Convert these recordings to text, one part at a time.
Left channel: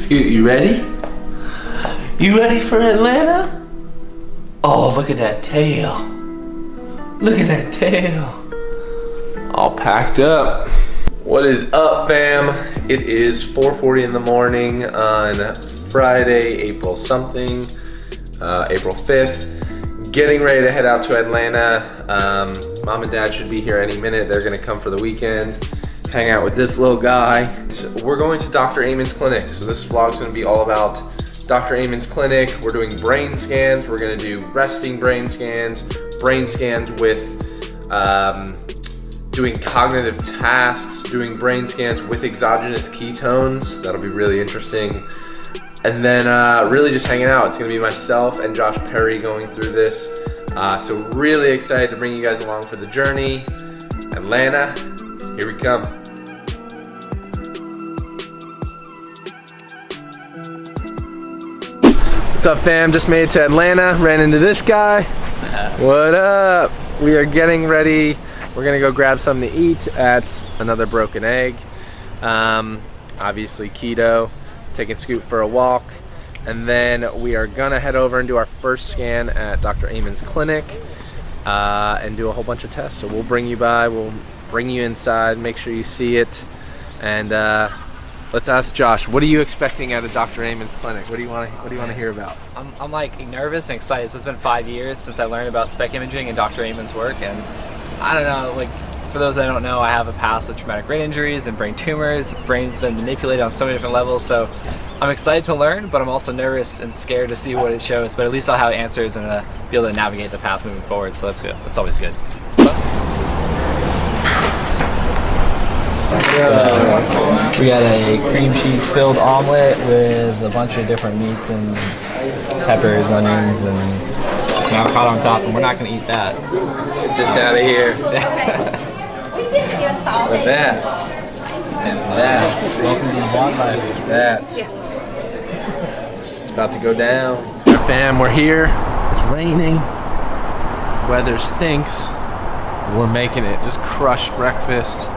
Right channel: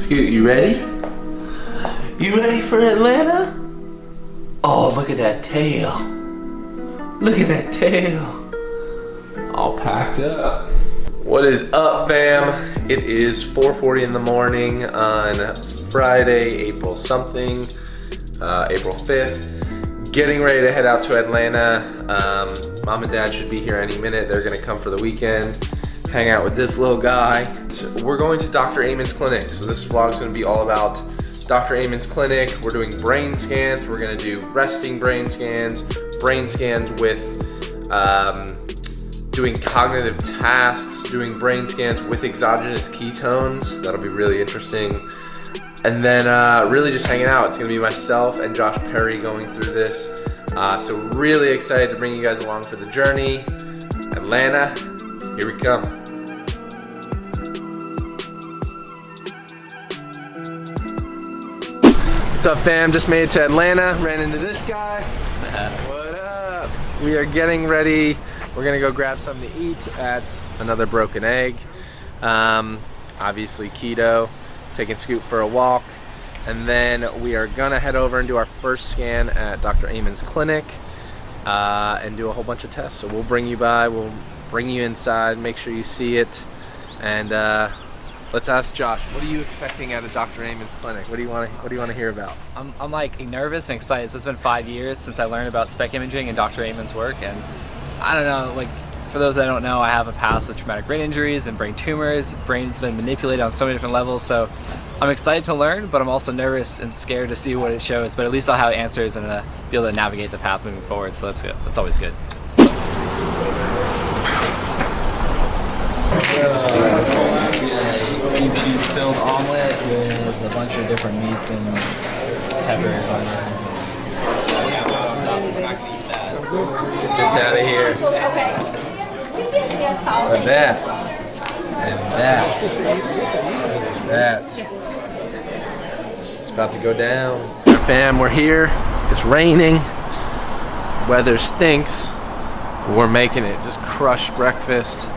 Scoot, you ready? You ready for Atlanta? Oh, look at that tail. Look at that tail. All packed up. What is up, fam? It is 4:40 in the morning on Friday, April something, April 5th. Getting ready to head out to Atlanta. Mom and Dad should be here any minute. They're gonna come for the weekend, hang out with this little guy. We're going to Dr. Amon's clinic. So this vlog's gonna be all about Dr. Amon's clinic. We're doing brain scans. We're gonna do resting brain scans with doing cognitive tasks, doing brain scans with exogenous ketones. That'll be really interesting. And then really just hanging out. It's gonna be myself and Josh Perry going through this. So really excited to bring you guys along for the journey. Atlanta, here we come. What's up, fam? Just made it to Atlanta, ran into this guy. What up? We are getting ready. We're gonna go grab something to eat at Another Broken Egg. Obviously keto, taking Scoot for a walk. And then we are gonna head over and do our first scan at Dr. Amon's clinic and do a whole bunch of tests. So we'll bring you by, we'll bring you inside, make sure you see it. And let's ask Josh, what are you expecting out of Dr. Amon's clinic? What do you want to hear about? I'm like nervous and excited. So it's been 5 years since I learned about SPECT imaging and Dr. Amon's work, and I don't know, like, for those that don't know, I have a past of traumatic brain injuries and brain tumors. Brain's been manipulated on so many different levels, so I'm excited to learn, but I'm also nervous and scared to see what it shows, but at least I'll have answers and be able to navigate the path moving forward, so that's good. That's always good. We got a cream cheese filled omelet with a bunch of different meats and peppers, onions, and avocado on top, and we're not going to eat that. Get this out of here. With that. And that. That. It's about to go down. Fam, we're here. It's raining. Weather stinks. We're making it. Just crushed breakfast.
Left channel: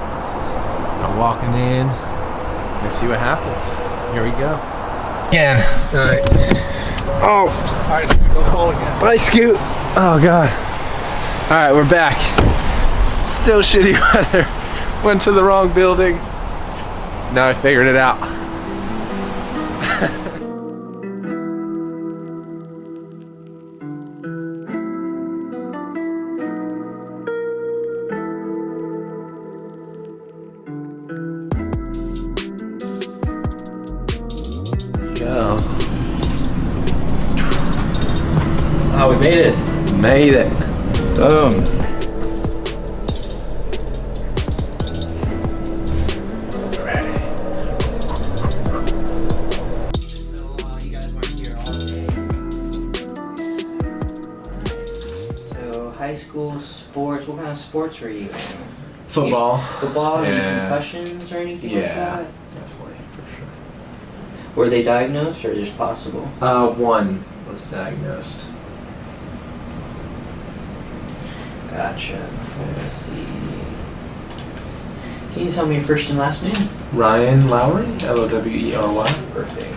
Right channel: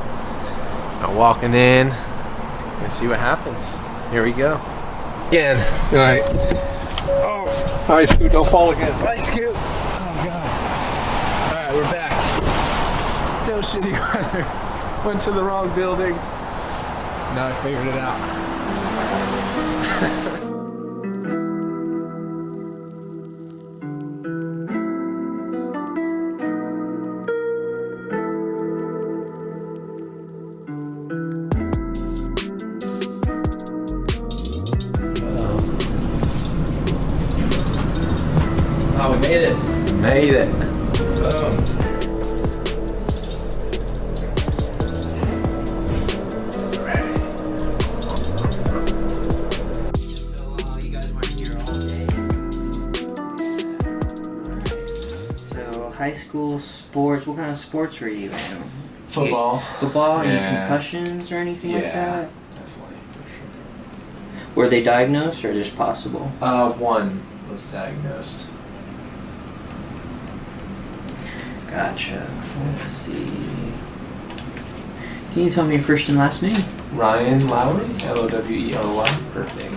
I'm walking in. Gonna see what happens. Here we go. Again. All right. Oh, all right, Scoot, don't fall again. Bye, Scoot. Oh, God. All right, we're back. Still shitty weather. Went to the wrong building. Now I figured it out. Oh, we made it. We made it. Boom. High school sports, what kind of sports were you in? Football. Football? Yeah. Any concussions or anything like that? Definitely, for sure. Were they diagnosed or just possible? One was diagnosed. Gotcha. Let's see. Can you tell me your first and last name? Ryan Lowery, Lowery. Perfect.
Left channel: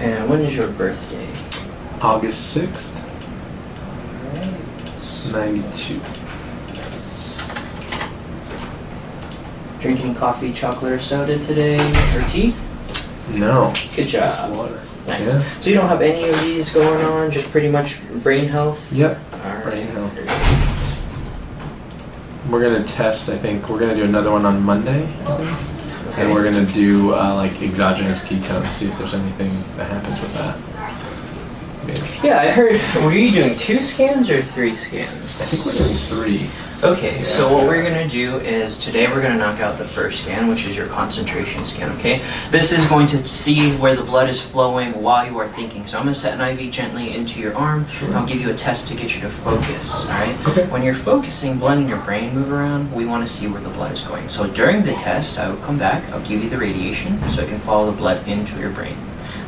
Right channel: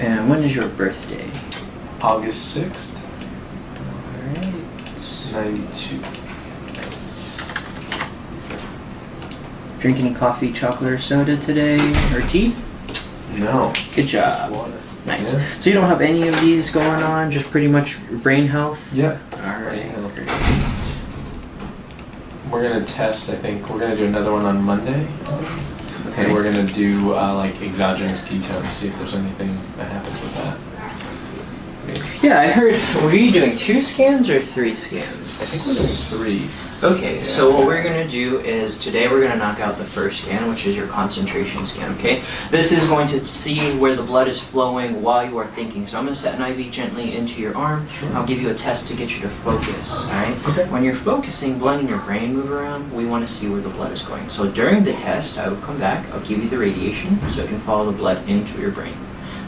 And when is your birthday? August 6th, Alright. 92. Nice. Drink any coffee, chocolate, or soda today? Or tea? No. Good job. Just water. Nice. Yeah. So you don't have any of these going on, just pretty much brain health? Yep. Alright. Brain health. We're gonna test, I think, we're gonna do another one on Monday, I think. Okay. And we're gonna do like exogenous ketones, see if there's anything that happens with that. Yeah, I heard, were you doing 2 scans or 3 scans? I think we're doing 3. Okay, Yeah. so what we're going to do is today we're going to knock out the first scan, which is your concentration scan, okay? This is going to see where the blood is flowing while you are thinking. So I'm going to set an IV gently into your arm. Sure. I'll give you a test to get you to focus, alright? Okay. When you're focusing, blood in your brain move around, we want to see where the blood is going. So during the test, I would come back, I'll give you the radiation so it can follow the blood into your brain.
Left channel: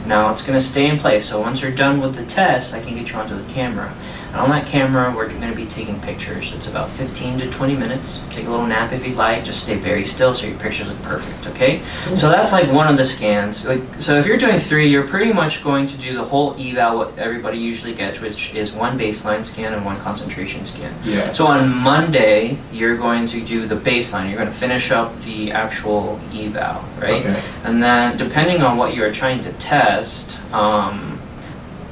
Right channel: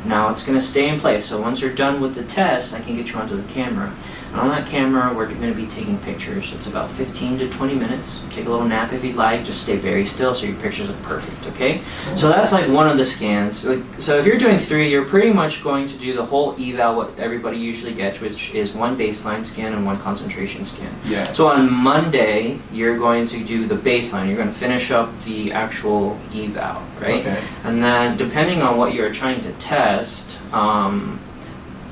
Now it's going to stay in place, so once you're done with the test, I can get you onto the camera. And on that camera, we're going to be taking pictures. It's about 15 to 20 minutes. Take a little nap if you'd like. Just stay very still so your pictures look perfect, okay? So that's like one of the scans. So if you're doing 3, you're pretty much going to do the whole eval, what everybody usually gets, which is 1 baseline scan and 1 concentration scan. Yeah. So on Monday, you're going to do the baseline. You're going to finish up the actual eval, right? Okay. And then depending on what you're trying to test,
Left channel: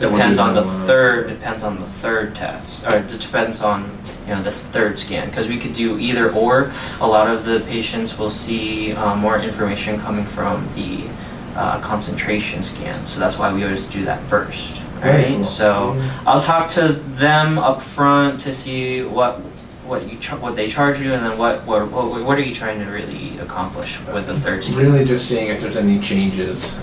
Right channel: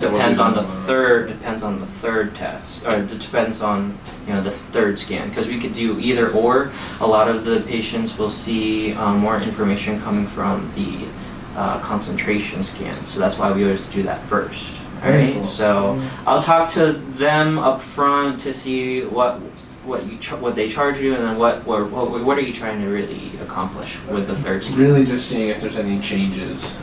depends on the third test, or it depends on this third scan, because we could do either or. A lot of the patients will see more information coming from the concentration scan, so that's why we always do that first. Very Right? cool. So I'll talk to them up front to see what they charge you, and then what are you trying to really accomplish with the third scan. Really just seeing if there's any changes.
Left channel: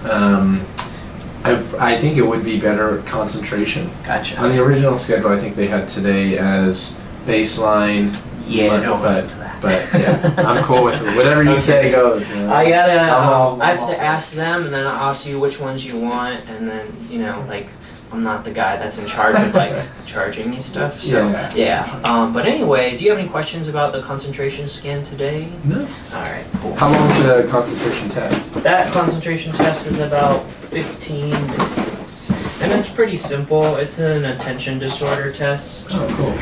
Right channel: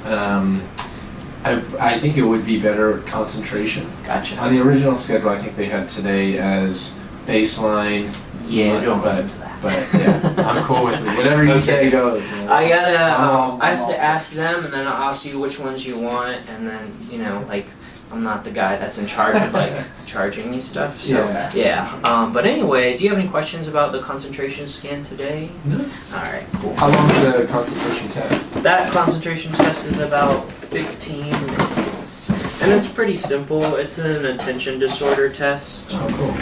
I think it would be better concentration. Gotcha. On the original schedule, I think they had today as baseline. Yeah, don't listen to that. But yeah, I'm cool with it. Whatever you say goes. You know. I I'm have to ask them, and then I'll ask you which ones you want, and then I'm not the guy that's in charge of charging you stuff. So yeah. But anyway, do you have any questions about the concentration scan today? No. All right, cool. How long is the concentration test? That concentration test is about 15 minutes, and it's pretty simple. It's an attention disorder test. Oh, cool.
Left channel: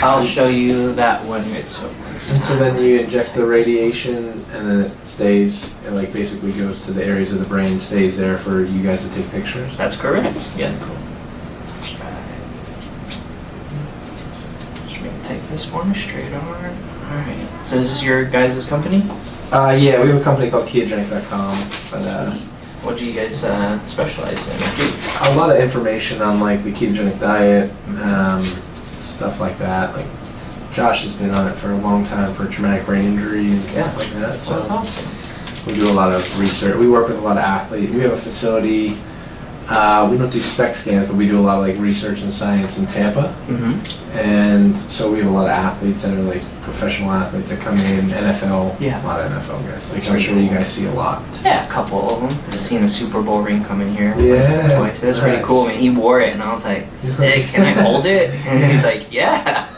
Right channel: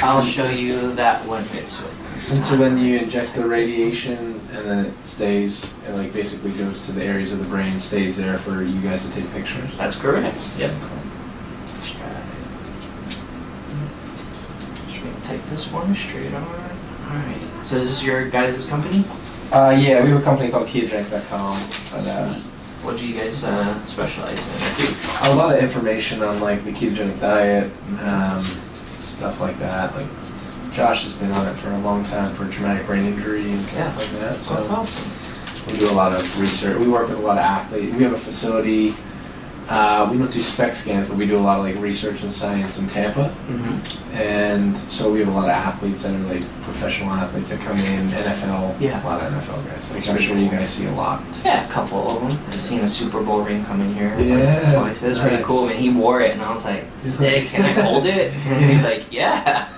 I'll show you that when it's And so then you inject the radiation, and then it stays, it basically goes to the areas of the brain, stays there for you guys to take pictures. That's correct. Yeah. Just gonna take this one straight on. All right. So this is your guys' company? Yeah, we have a company called ketogenic.com. Sweet. What do you guys specialize in? A lot of information on the ketogenic diet, stuff like that. Josh has been on it for a long time for traumatic brain injury and stuff like that. So that's awesome. we do a lot of research. We work with a lot of athletes. We have a facility. We don't do SPECT scans, but we do a lot of research and science in Tampa. Mm-hmm. And so we have a lot of athletes that are professional athletes that come in, NFL. Yeah. A lot of NFL guys. That's I'm pretty sure you cool. guys see a lot. Yeah, a couple of them. I've seen a Super Bowl ring come in here Yeah, twice. That's pretty nice. cool. And he wore it, and I was like, sick. Can I hold it? And he's like, yeah.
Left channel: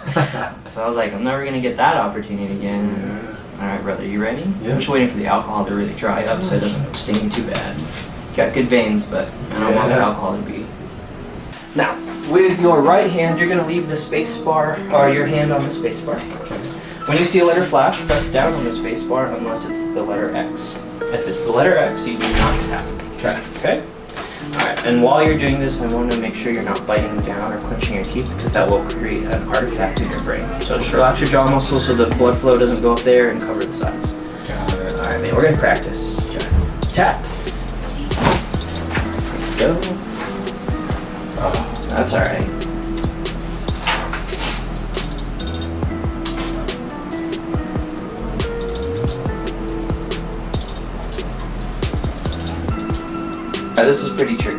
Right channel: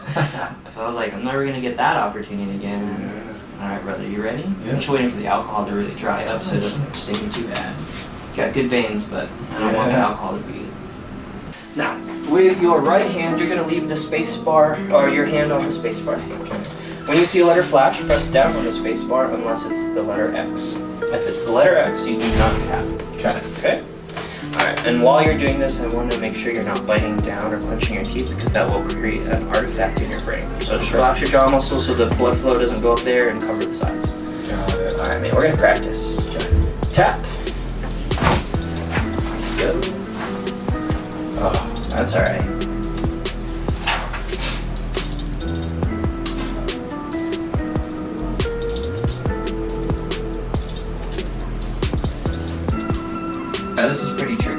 So I was like, I'm never gonna get that opportunity again. All right, brother, you ready? Yeah. I'm just waiting for the alcohol to really dry up so it doesn't sting too bad. Got good veins, but I don't want the alcohol to be. Now, with your right hand, you're going to leave the space bar, or your hand on the space bar. Okay. When you see a letter flash, press down on the space bar unless it's the letter X. If it's the letter X, you do not tap. Okay. Okay? Alright, and while you're doing this, I want to make sure you're not biting down or clenching your teeth, because that will create an artifact in your brain. So just relax your jaw muscles so the blood flow doesn't go up there and cover the sides. Got it. Alright, man, we're going to practice. Okay. Tap. Go. Oh, that's alright. This is pretty tricky.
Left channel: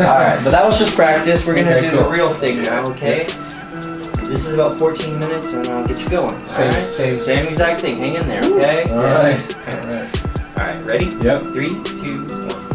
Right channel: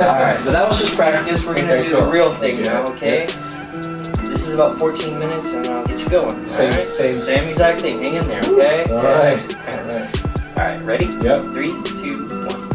Alright, but that was just practice. We're gonna do the real thing now, okay? This is about 14 minutes and I'll get you going. Same exact thing. Hang in there, okay? Alright. Alright, ready? Yep. 3, 2, 1.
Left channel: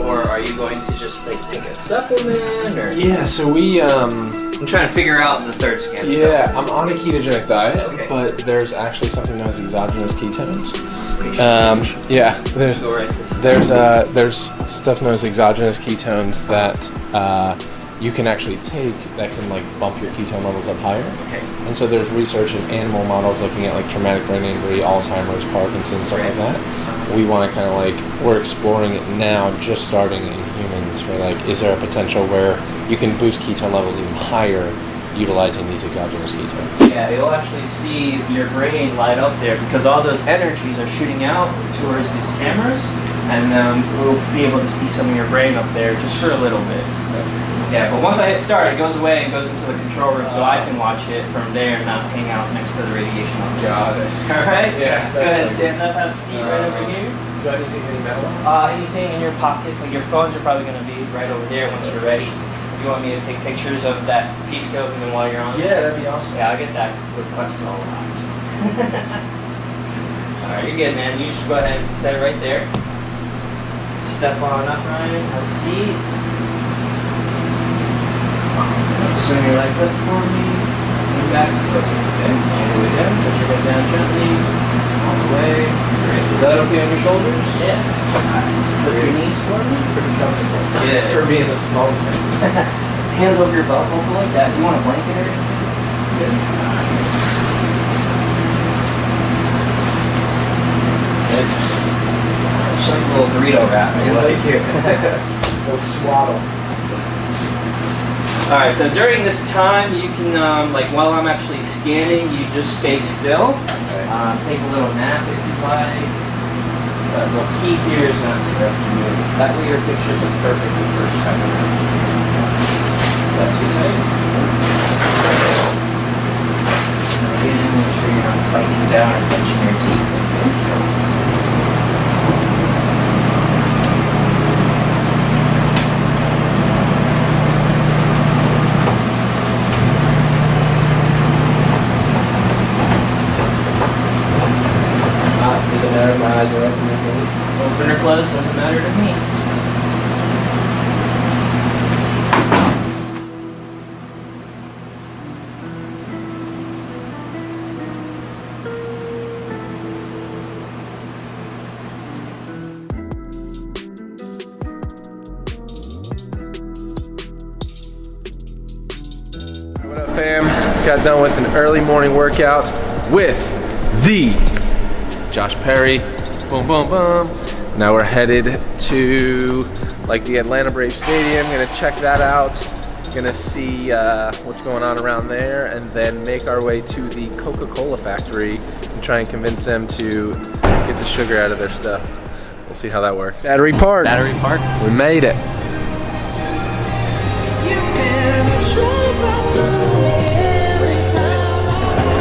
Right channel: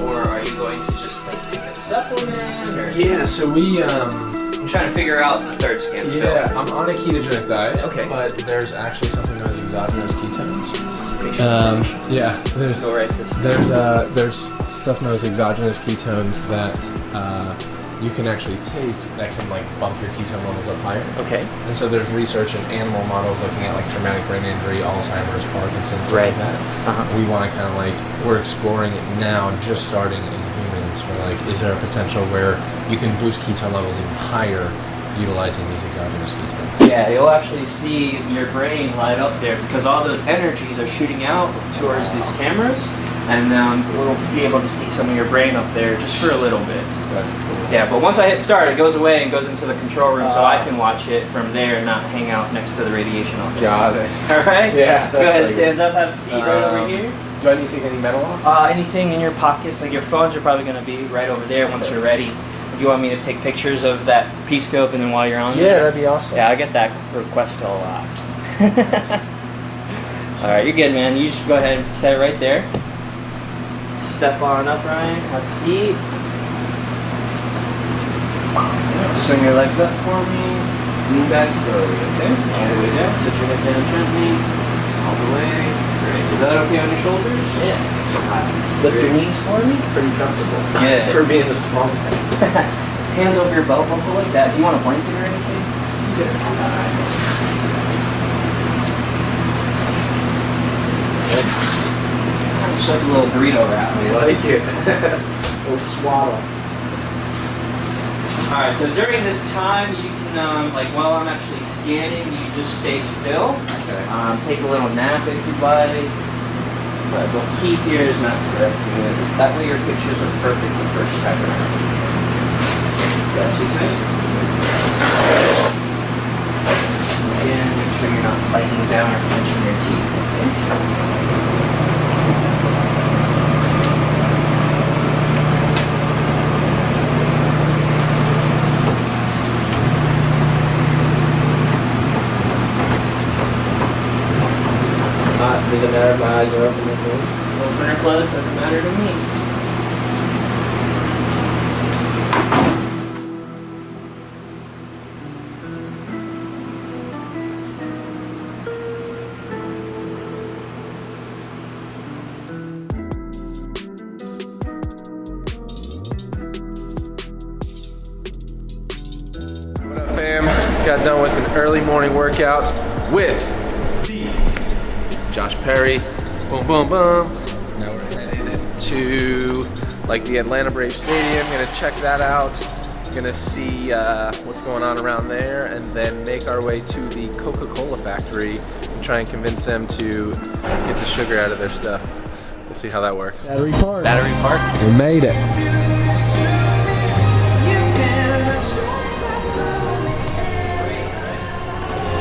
Or are you going to just take a supplement or? Yeah, so we I'm trying to figure out the third scan. yeah, I'm on a ketogenic diet, Okay. but there's actually something known as exogenous ketones. Yeah, there's Go right this. there's stuff known as exogenous ketones that you can actually take that can bump your ketone levels up higher. Okay. And so there's research in animal models looking at traumatic brain injury, Alzheimer's, Parkinson's, stuff like that. Uh-huh. We want to kind of we're exploring it now, just starting in humans for is there a potential where you can boost ketone levels even higher utilizing these exogenous ketones? Yeah, you'll actually see your brain light up there because all those energies are shooting out towards these cameras, and we'll be able to see some of your brain up there just for a little bit. That's cool. Yeah, but once I hit start, it goes away and goes into the control room so I can watch it from there and not hang out next to the radiation on there. Got it. Alright? Yeah, Let's go ahead and that's stand up, have a seat right over here. Do I need to take any metal off? Anything in your pockets, like your phones are probably going to be right over there once you're ready. you want me to take pictures of that P-scope and then while you're on? Yeah, that'd be awesome. Yeah, I get that request a lot. Alright, you're good, man. You just go ahead and set it right there. Step on up, Ryan. Have a seat. Swing your legs up for me. Lean back slowly, okay? All the way down. Set your head down gently. All the way. Great. Is that okay on your shoulders? Yeah. Lift your knees for me. Pretty comfortable. Good. For being a small man. Hands over your belt buckle like that. Do you want a blanket or anything? Good. Good. Just like a little burrito wrap. I like it. A little swaddle. Alright, so during this time, you can, like while I'm actually scanning, you just stay still. Okay. Take a little nap if you'd like. But the key here is not to move. That way your pictures are perfect the first time around. Is that too tight? Again, make sure you're not biting down or clenching your teeth. Okay? Doesn't matter if my eyes are open or closed. Open or closed, doesn't matter to me. What up, fam? Got done with an early morning workout with the Josh Perry. Boom, boom, boom. Now we're headed to like the Atlanta Braves Stadium. Gonna check that out. Gonna see what's going on around there, and then make our way to the Coca-Cola factory and try and convince them to get the sugar out of their stuff. We'll see how that works. Battery Park. Battery Park. We made it.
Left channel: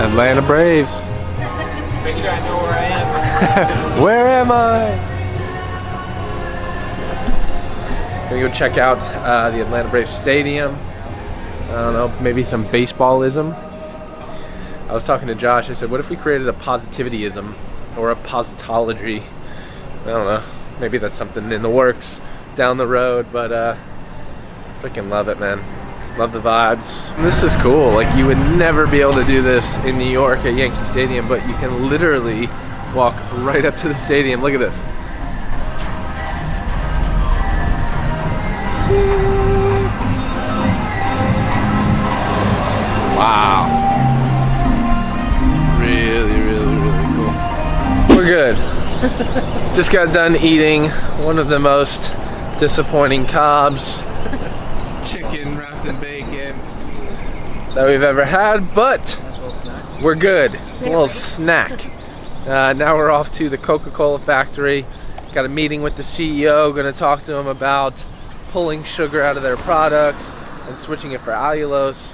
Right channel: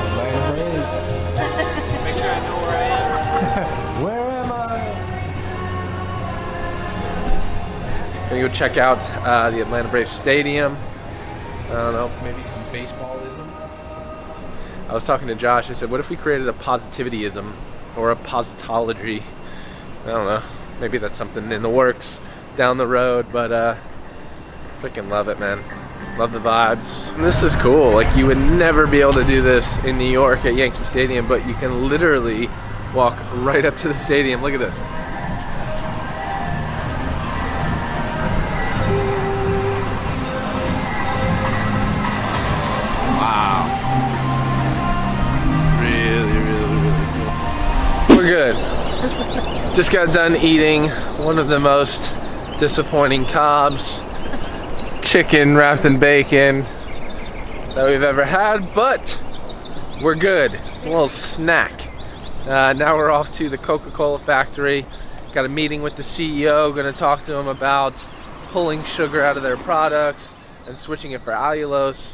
Atlanta Braves. Make sure I know where I am. Where am I? Gonna go check out the Atlanta Braves Stadium. I don't know, maybe some baseballism. I was talking to Josh, I said, what if we created a positivityism or a positology? I don't know, maybe that's something in the works down the road, but freaking love it, man. Love the vibes. And this is cool, like you would never be able to do this in New York at Yankee Stadium, but you can literally walk right up to the stadium. Look at this. Wow. It's really, really, really cool. We're good. Just got done eating one of the most disappointing Cobb's chicken wrapped in bacon that we've ever had, but we're good. A little snack. Now we're off to the Coca-Cola factory. Got a meeting with the CEO. Going to talk to him about pulling sugar out of their products and switching it for allulose.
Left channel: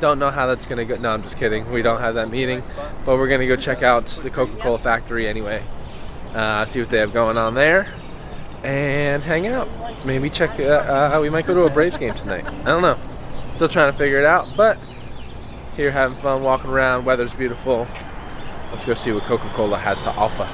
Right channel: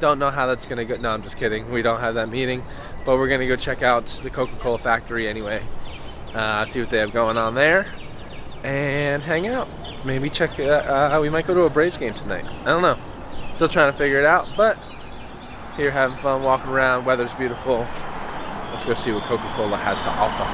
Don't know how that's going to go. No, I'm just kidding. We don't have that meeting, but we're going to go check out the Coca-Cola factory anyway. See what they have going on there and hang out. Maybe check we might go to a Braves game tonight. I don't know. Still trying to figure it out, but here having fun, walking around. Weather's beautiful. Let's go see what Coca-Cola has to offer.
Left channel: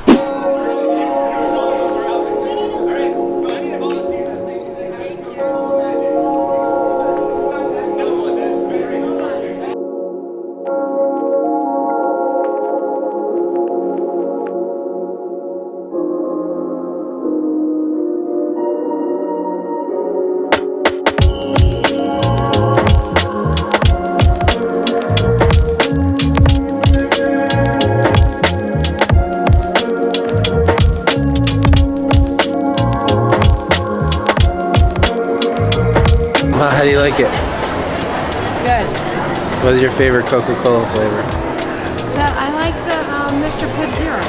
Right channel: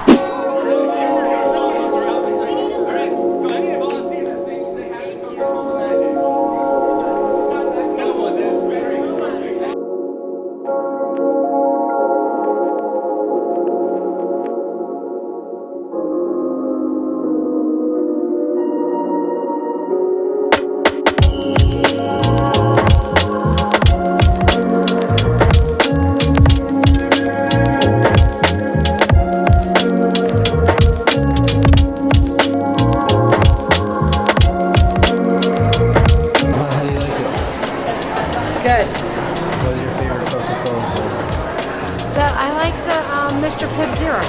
How do you like it? Good. What is your favorite Coca-Cola flavor? I like the Mr. Pibb Zero.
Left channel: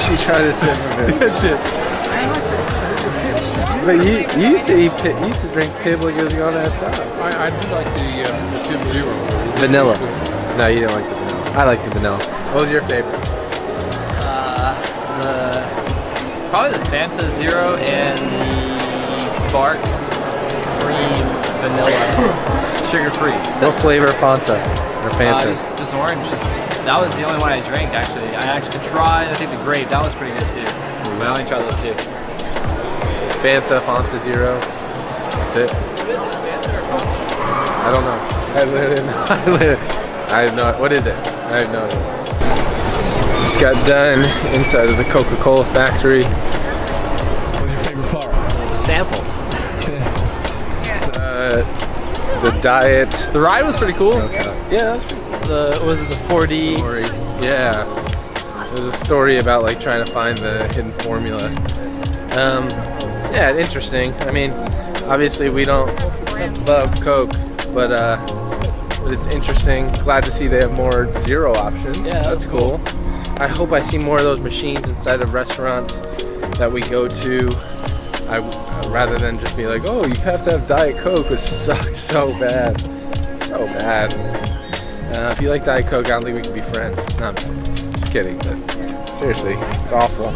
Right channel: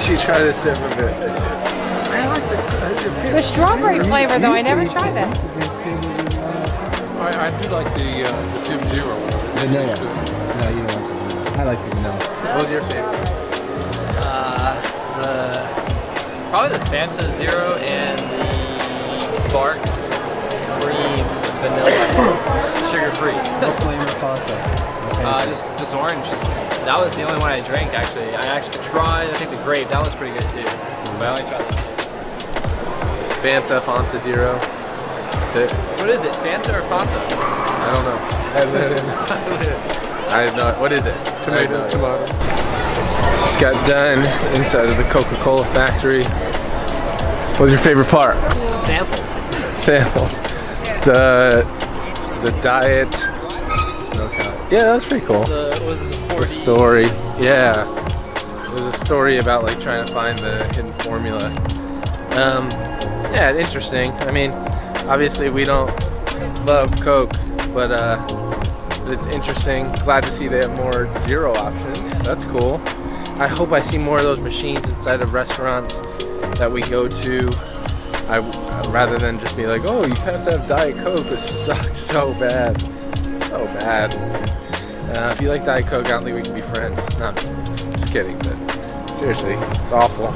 She tried to sip of it. I like the strawberry flavor though. I never tried You that. used to drink Pibb when you was young as well. I do like the Pibb Zero. Vanilla. No, you didn't like it. I like the vanilla. What was your favorite? The Probably the Fanta Zero and the Barks Cream Vanilla, sugar-free. What flavor Fanta? Or Fanta? Just orange. That was the only one I drank actually. I actually tried, I think the grape, that was pretty good too. But I only tried those two. Fanta Zero. That's it. What is it, Fanta or Fanta? I don't know. I have no. What is it? I have no idea. Just got done inside of the Coca-Cola factory. What was your favorite part? The samples. Samples. The diet. The ride was pretty cool. Okay. Yeah, that was pretty cool. Was it the 4D? Story. Yeah. It was a story about like trying to find the hidden formula. Yeah, interesting. I mean, obviously we don't love Coke, but it's interesting. Glad to see they have more zero options. Yeah. That's cool. I hope I see more of those machines inside of restaurants that we go to. Rather than just be like, oh, you have to have Diet Coke, which sucks so bad. So bad. If you like Diet Coke, I don't think we can be friends. No, I'm just kidding, but seriously, it's awful.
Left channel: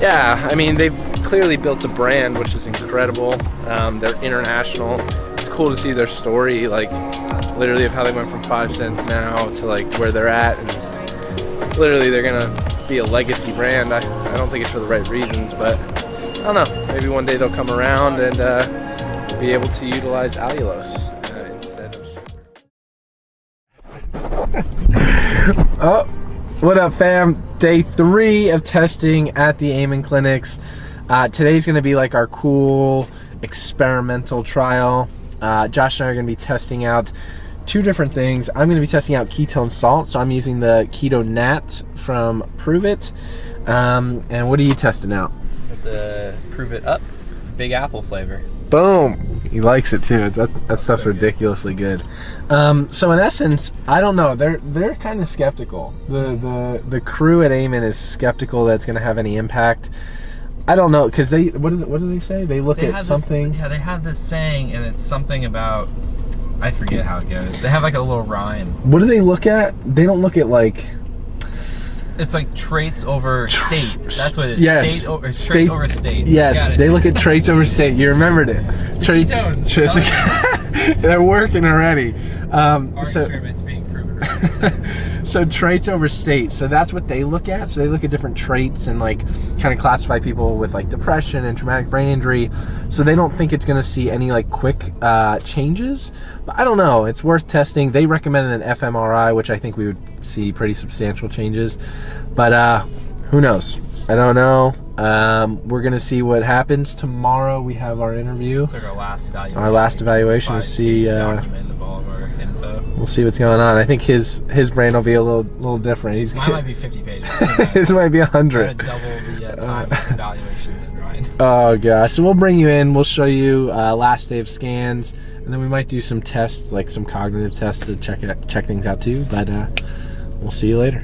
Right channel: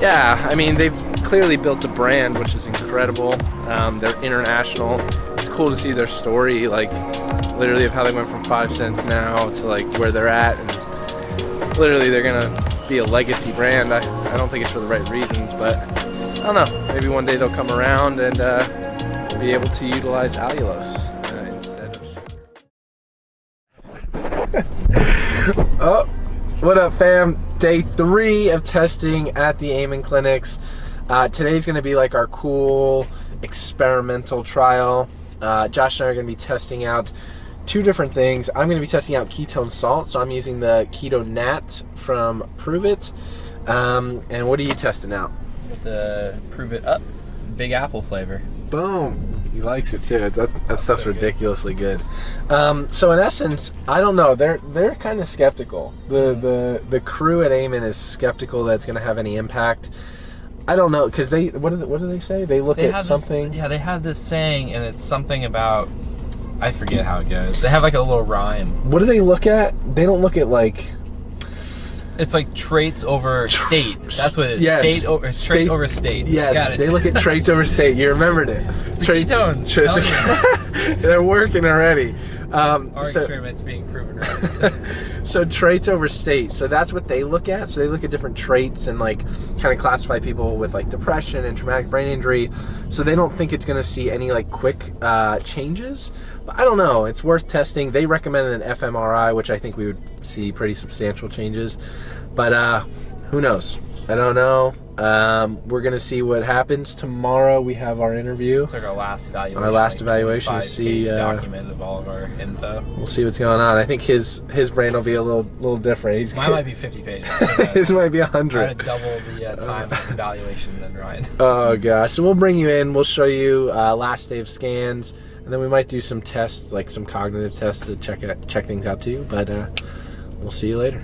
Yeah, I mean, they've clearly built a brand, which is incredible. They're international. It's cool to see their story, like literally of how they went from 5 cents now to like where they're at, and literally they're gonna be a legacy brand. I don't think it's for the right reasons, but I don't know. Maybe one day they'll come around and be able to utilize allulose instead of sugar. Oh, what up, fam? Day 3 of testing at the Amen Clinics. Today's gonna be like our cool experimental trial. Josh and I are gonna be testing out 2 different things. I'm gonna be testing out ketone salt, so I'm using the Keto Nat from Prove It. And what are you testing out? The Prove It Up Big Apple flavor. Boom! He likes it too. That stuff's so ridiculously good. So in essence, I don't know. They're kind of skeptical. The crew at Amen is skeptical that it's going to have any impact. I don't know, because what do they say? They look at something. They have this saying, and it's something about, I forget how it goes. They have like a little rhyme. What do they look at? They don't look at like. It's like traits over state. That's what it is. Yes. Trait over state. Yes, they look at traits over state. You remembered it. Traits. They're working already. Our experiment's being proven right. So traits over state. So that's what they look at. So they look at different traits and like kind of classify people with like depression and traumatic brain injury. So they don't think it's going to see any like quick changes. But I don't know. It's worth testing. They recommended an fMRI, which I think we would see pretty substantial changes. But who knows? I don't know. We're gonna see what happens tomorrow. We have our interview. It's like our last evaluation. Our last evaluation to see. Document of all of our info. We'll see what's going on. I think his brain will be a little different. Mine might be 50 pages. His might be 100. I'm gonna double the time of evaluation than Ryan. Oh gosh! So we'll bring you in. We'll show you last day of scans, and then we might do some tests, like some cognitive tests to check things out too. But we'll see you later.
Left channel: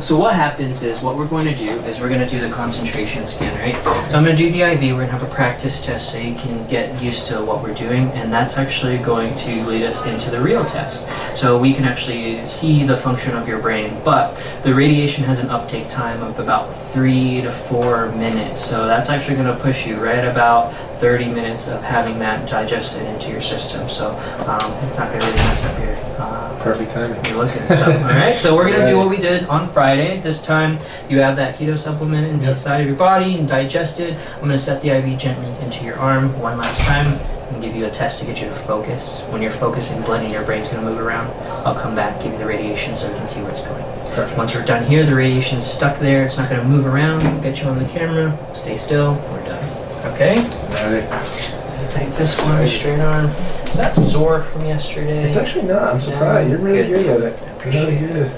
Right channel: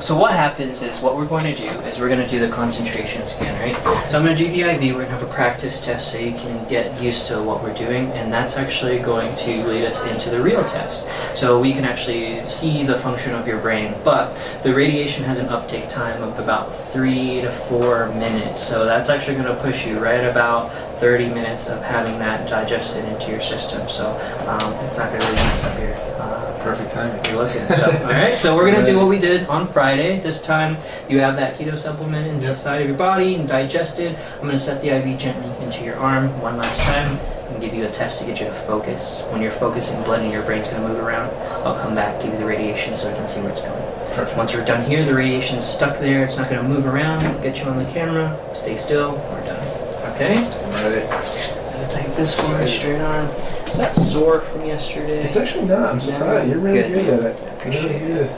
So what happens is, what we're going to do is we're going to do the concentration scan, right? So I'm going to do the IV, we're going to have a practice test so you can get used to what we're doing, and that's actually going to lead us into the real test. So we can actually see the function of your brain, but the radiation has an uptake time of about 3 to 4 minutes. So that's actually going to push you right about 30 minutes of having that digested into your system. So it's not going to really mess up your perfect timing. You're looking. So, all right. So we're gonna do what we did on Friday. This time you have that keto supplement inside of your body and digested. I'm gonna set the IV gently into your arm one last time and give you a test to get you to focus. When you're focusing, blood in your brain's gonna move around. I'll come back, give you the radiation so you can see where it's going. Perfect. Once we're done here, the radiation's stuck there. It's not gonna move around. We'll get you on the camera. Stay still. We're done. Okay. Ready. Take this one, straight arm. Is that sore from yesterday? It's actually not. I'm surprised. You're really good at it. I appreciate it.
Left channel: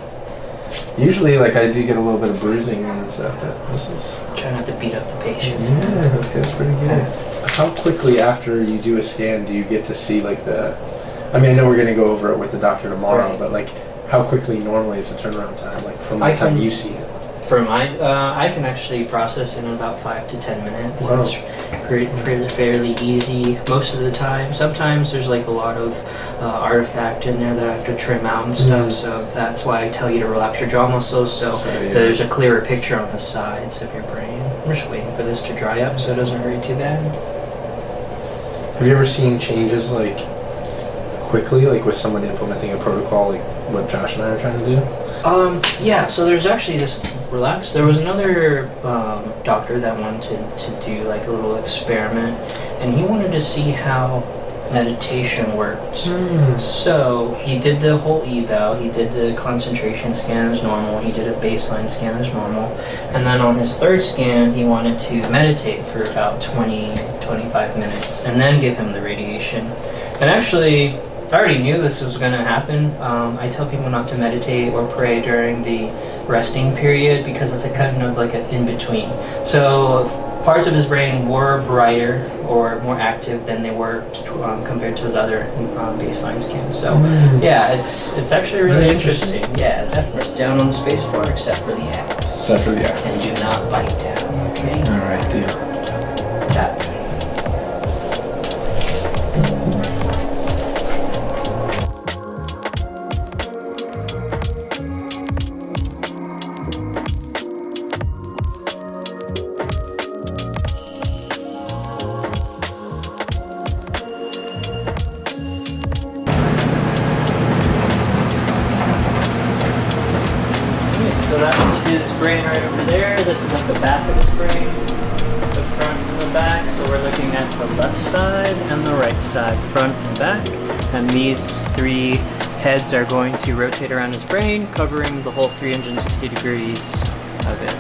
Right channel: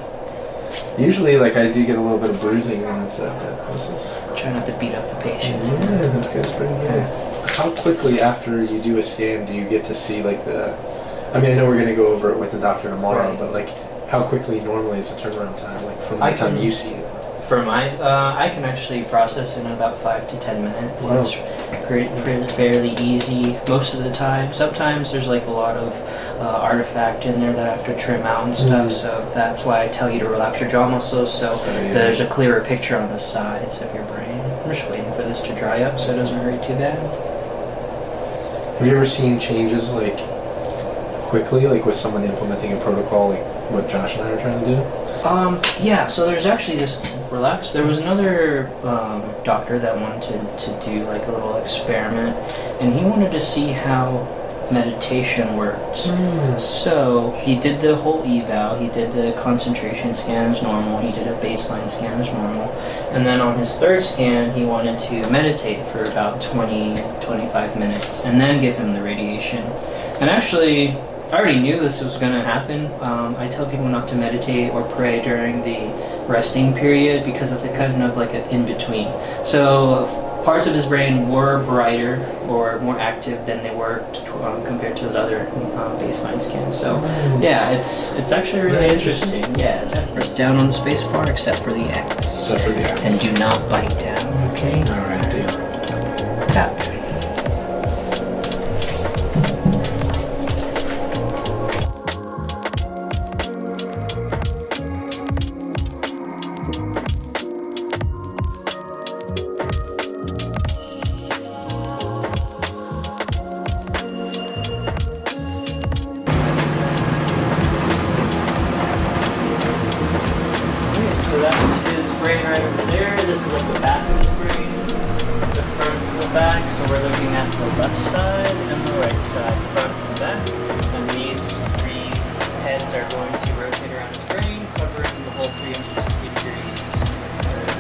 Usually, like, I do get a little bit of bruising and stuff, but this is... Try not to beat up the patients. Yeah, that's good. It's pretty good. How quickly after you do a scan do you get to see, like, the... I mean, I know we're going to go over it with the doctor tomorrow, Right. but, like, how quickly normally is the turnaround time, like, from the time you see it? For my, I can actually process in about 5 to 10 minutes. Wow. fairly easy most of the time. Sometimes there's like a lot of artifact in there that I have to trim out and stuff, so that's why I tell you to relax your jaw muscles so there's a clearer picture on the sides of your brain. I'm just waiting for this to dry up so it doesn't hurt too bad. Have you ever seen changes like quickly, like with someone implementing a protocol like what Josh and I are trying to do? Yeah, so there's actually this, relax, there was another doctor that wanted to do like a little experiment, and he wanted to see how meditation worked. So he did the whole eval, he did the concentration scan as normal, he did a baseline scan as normal, and then on his third scan he wanted to meditate for about 20-25 minutes and then give him the radiation. And actually I already knew this was going to happen. I tell people not to meditate or pray during the resting period because it's a kind of like an in-between. So parts of his brain were brighter or more active than they were compared to his other baseline scans. So yeah, it's actually really interesting. Yeah, press down on the space bar except for the X. Except for the X. And do not bite down, okay? Alright, deal. Tap. So that's his brain right over there. This is like the back of his brain, the front and the back. So we're looking at the left side and the right side, front and back. And these three heads are going to rotate around his brain, covering the whole 360 degrees of it.